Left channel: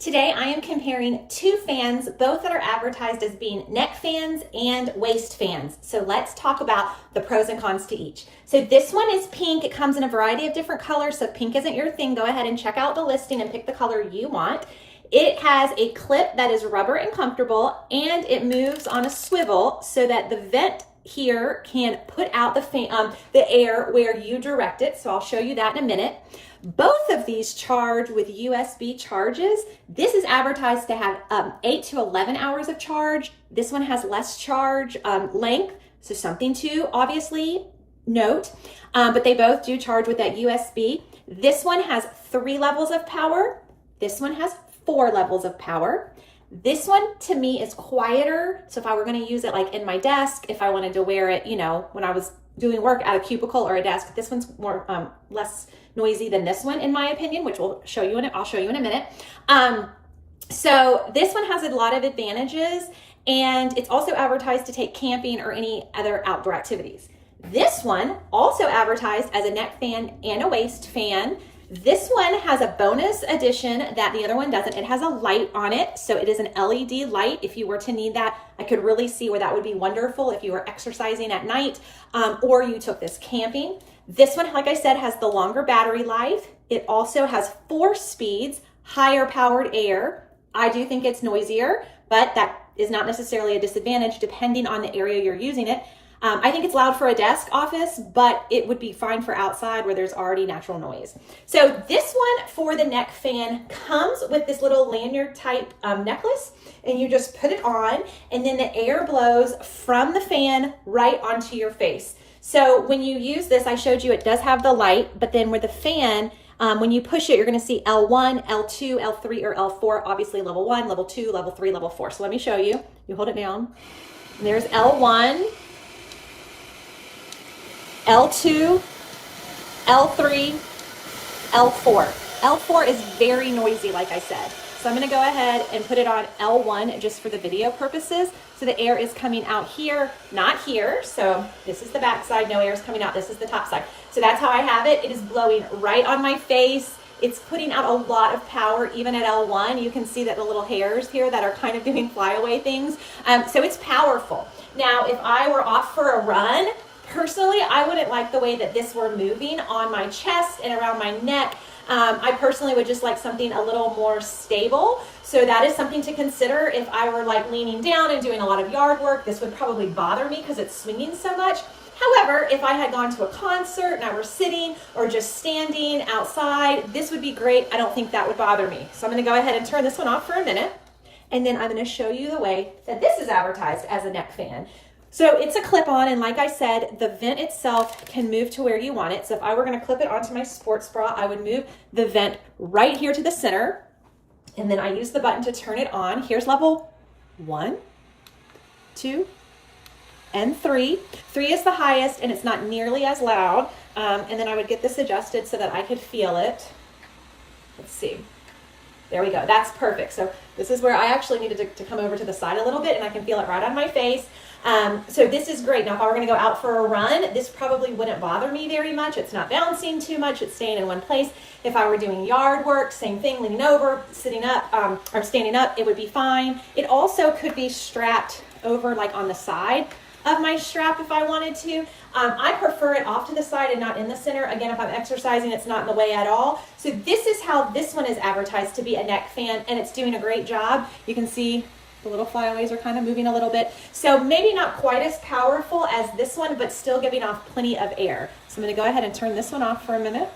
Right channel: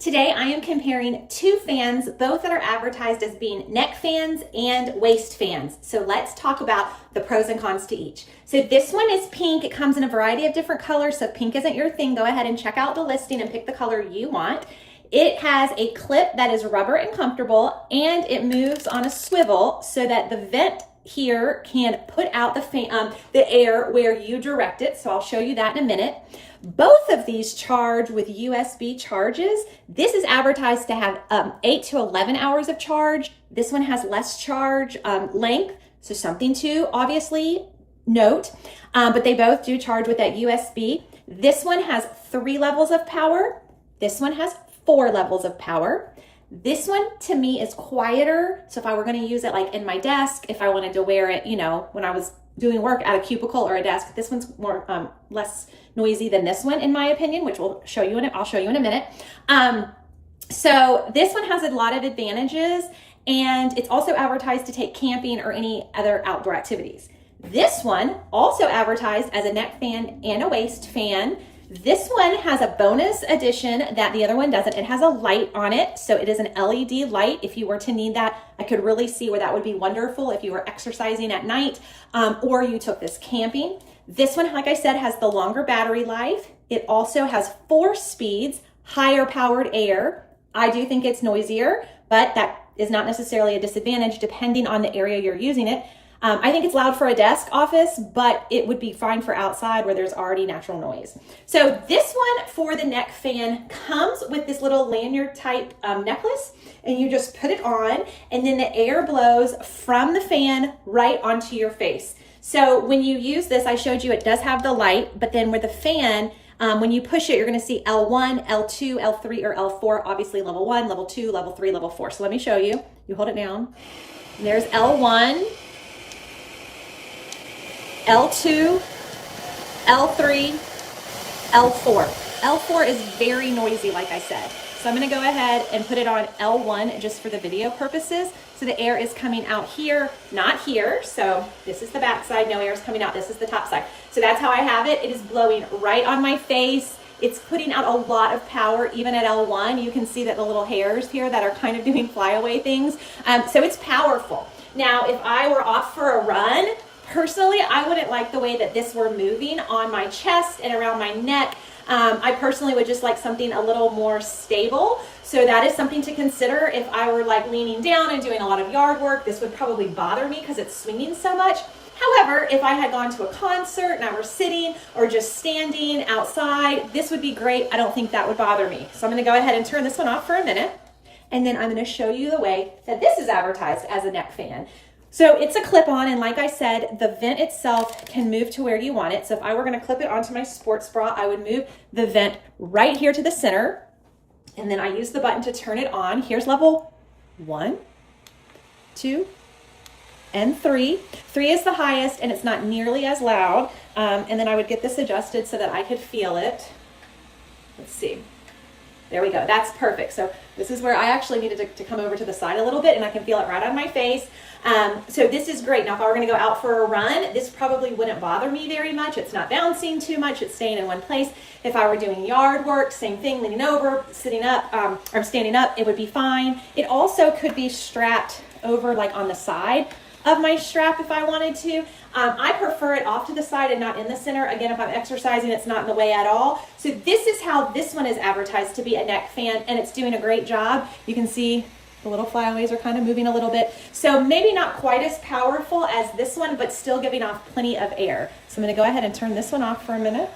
Today I am comparing two fans, both that are advertised as being neck fans and waist fans. So let's talk about the pros and cons to each. So this one is pink. It comes in a variety of different colors. So if pink isn't your thing, go ahead and check out the listing and pick the color you want. It has a clip that is rubber and comfortable, and it moves on a swivel so that the vent here can put out the air where you direct it. So I'll show you that in a minute. Both of these charge with USB charges. This is advertised to have 8 to 11 hours of charge. This one has less charge length, so something to obviously note. But they both do charge with that USB. This one has 3 levels of power. This one has 4 levels of power. This one to me is quieter. So if I were going to use it like in my desk, if I wanted to wear it, when I was doing work at a cubicle or a desk, this one's more less noisy than this one, in my opinion, which I'll show you in a minute. So this one has a lot of advantages, and it's also advertised to take camping or any other outdoor activities. This one also advertised as a neck fan and a waist fan. This one has a bonus addition that the other one doesn't. It has a light on it, so it is an LED light. If you were to need that, I could really see where that would be wonderful if you were exercising at night or you took this camping. This one, like I said, has the longer battery life. It also has 4 speeds, higher powered air. I do think it's noisier, but that is not necessarily a disadvantage depending on the area you're using it. I think it's loud for a desk office, but it would be fine for outside where there's already natural noise. So this one for the neck fan comes with this little lanyard type necklace, and you just put it on, and then the air blows from the fan right onto your face. So when you use this, I showed you it does have the light, but then with the fan, when you push it, you're going to see L1, L2, L3, or L4, obviously level 1, level 2, level 3, level 4. So let me show you. You hold it down, and there's L1, L2, L3, L4. L4 is very noisy, like I said. So I'm going to go ahead and put it on L1 just for the video purposes. So the air is coming out here, not here. So this is the back side, no air is coming out. This is the top side. So that's how I have it. It is blowing right on my face. It's putting out a lot of power, even at L1. You can see that the little hairs here that are kind of doing flyaway things. So it's powerful. Now, if I were off for a run, personally, I wouldn't like the way that this were moving on my chest and around my neck. I personally would just like something a little more stable. So that is something to consider. If I were like leaning down and doing a lot of yard work, this would probably bother me because it's swinging so much. However, if I had gone to a concert and I were sitting or just standing outside, this would be great. I don't think that would bother me. So I'm going to go ahead and turn this one off for a minute. And then I'm going to show you the way that this is advertised as a neck fan. So it's a clip-on, and like I said, the vent itself can move to where you want it. So if I were going to clip it onto my sports bra, I would move the vent right here to the center, and then I use the button to turn it on. Here's level 1, 2, and 3. 3 is the highest, and it's not nearly as loud. And then I would get this adjusted so that I could feel it. Let's see. There we go. That's perfect. So this is where I actually needed to come over to the side a little bit, and I can feel it right on my face. So this is great. Now, if I were going to go out for a run, this probably wouldn't bother me very much. It's not bouncing too much. It's staying in one place. If I were doing yard work, same thing, leaning over, sitting up, or standing up, it would be fine. It also could be strapped over like on the side of my strap if I wanted to. I prefer it off to the side and not in the center. Again, if I'm exercising, it's not in the way at all. So this is how this one is advertised to be a neck fan, and it's doing a great job. You can see the little flyaways are kind of moving a little bit. So maybe not quite as powerful as this one, but still giving off plenty of air. So I'm going to go ahead and turn this one off for a minute.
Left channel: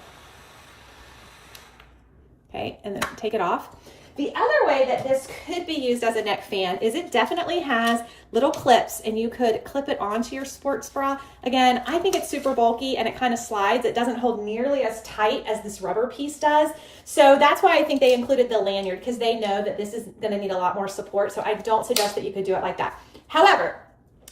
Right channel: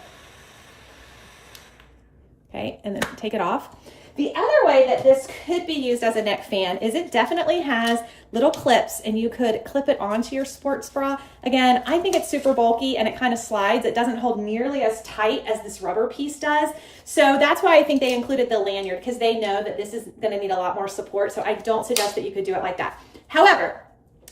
Okay, and then take it off. The other way that this could be used as a neck fan is it definitely has little clips, and you could clip it onto your sports bra. Again, I think it's super bulky and it kind of slides. It doesn't hold nearly as tight as this rubber piece does. So that's why I think they included the lanyard, because they know that this is going to need a lot more support. So I don't suggest that you could do it like that. However,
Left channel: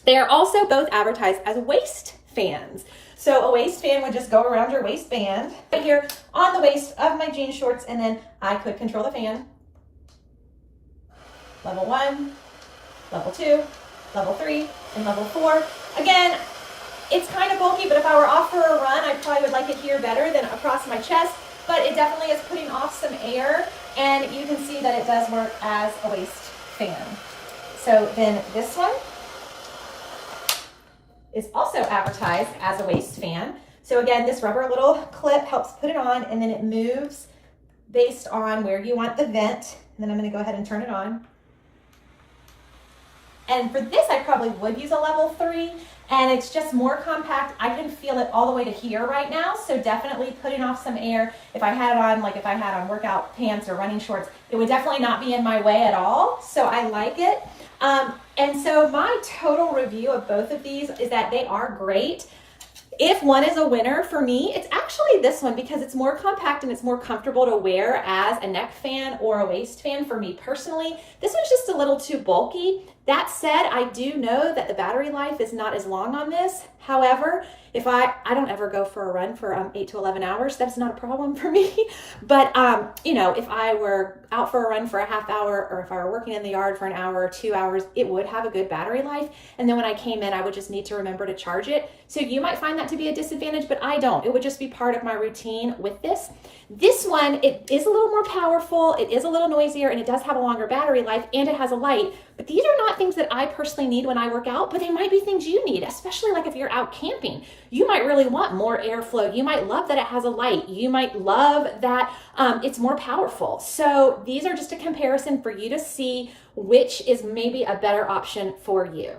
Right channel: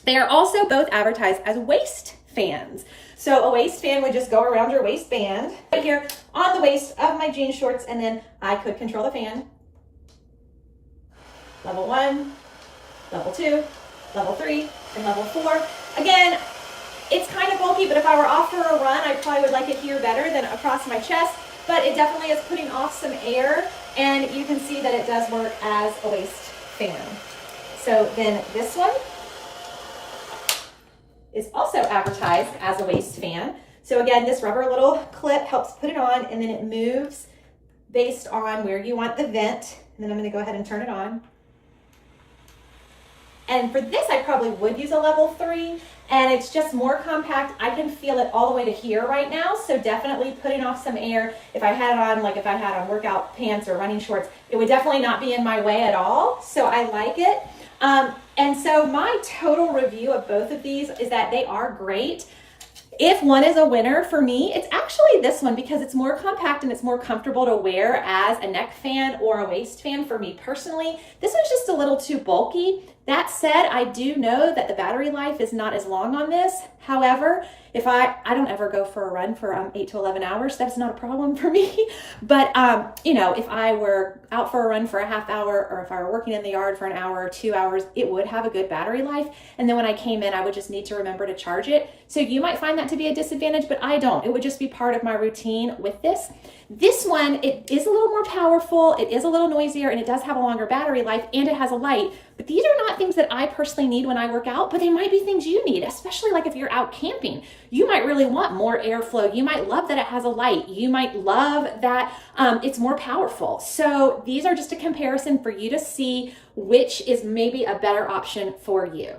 they are also both advertised as waist fans. So a waist fan would just go around your waistband right here on the waist of my jean shorts, and then I could control the fan. Level 1, level 2, level 3, and level 4. Again, it's kind of bulky, but if I were off for a run, I probably would like it here better than across my chest. But it definitely is putting off some air. And you can see that it does work as a waist fan. So then this one is also advertised as a waist fan. So again, this rubber little clip helps put it on, and then it moves based on where you want the vent. And then I'm going to go ahead and turn it on. And for this, I probably would use a level 3, and it's just more compact. I can feel it all the way to here right now, so definitely putting off some air. If I had it on, like if I had on workout pants or running shorts, it would definitely not be in my way at all, so I like it. And so my total review of both of these is that they are great. If one is a winner for me, it's actually this one, because it's more compact and it's more comfortable to wear as a neck fan or a waist fan for me personally. This one's just a little too bulky. That said, I do know that the battery life is not as long on this. However, if I don't ever go for a run for 8 to 11 hours, that's not a problem for me. But, you know, if I were out for a run for a half hour, or if I were working in the yard for an hour or 2 hours, it would have a good battery life. And then when I came in, I would just need to remember to charge it. So you might find that to be a disadvantage, but I don't. It would just be part of my routine with this. This one, it is a little more powerful, it is a little noisier, and it does have a longer battery life, and it has a light. But these are not things that I personally need when I work out, but they might be things you need, especially like if you're out camping. You might really want more airflow. You might love that it has a light. You might love that it's more powerful. So these are just a comparison for you to see which is maybe a better option for you.